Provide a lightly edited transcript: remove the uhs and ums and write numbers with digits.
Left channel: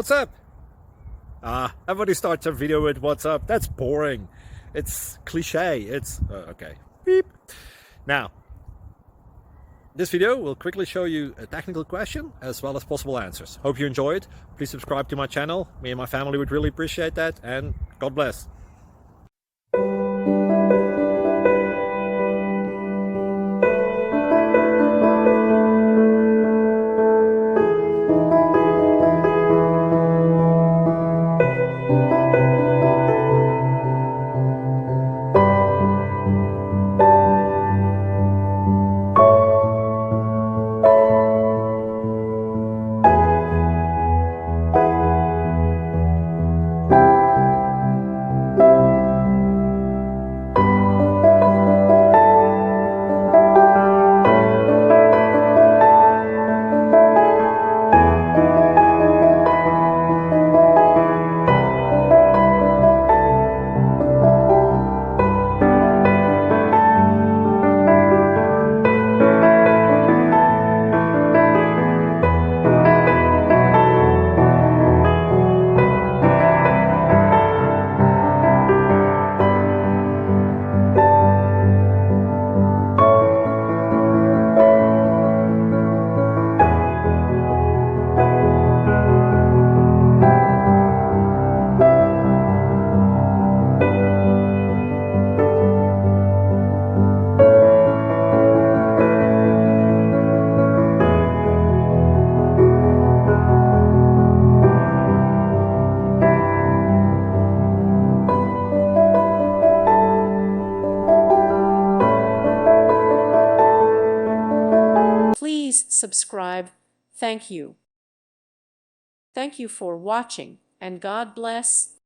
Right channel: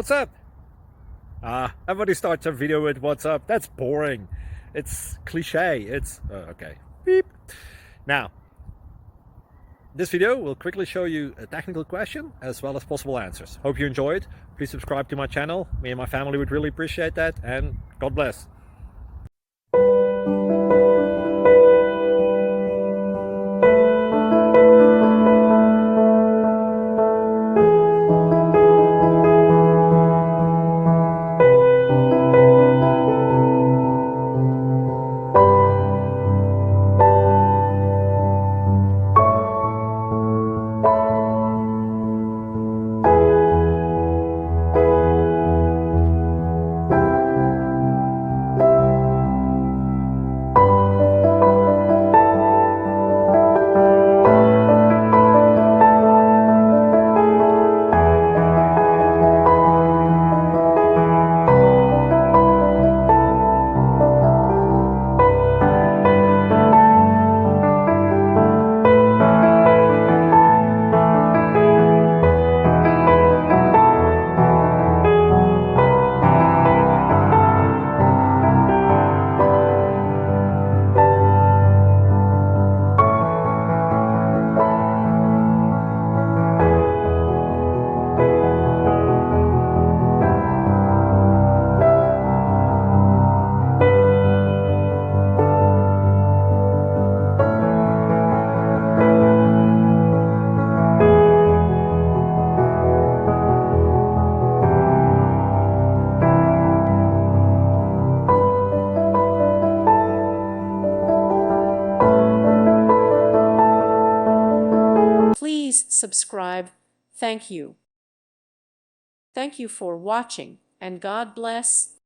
What's up? Everybody starts a video with what's up. That's boring. It's cliche. It's okay. Beep. Now, this video will quickly show you a technical question as well as possible answers. Hope you enjoy it. Please subscribe to my channel. Me and my family would really appreciate that, and God bless. Please subscribe. Thank you. Thank you for watching, and God bless.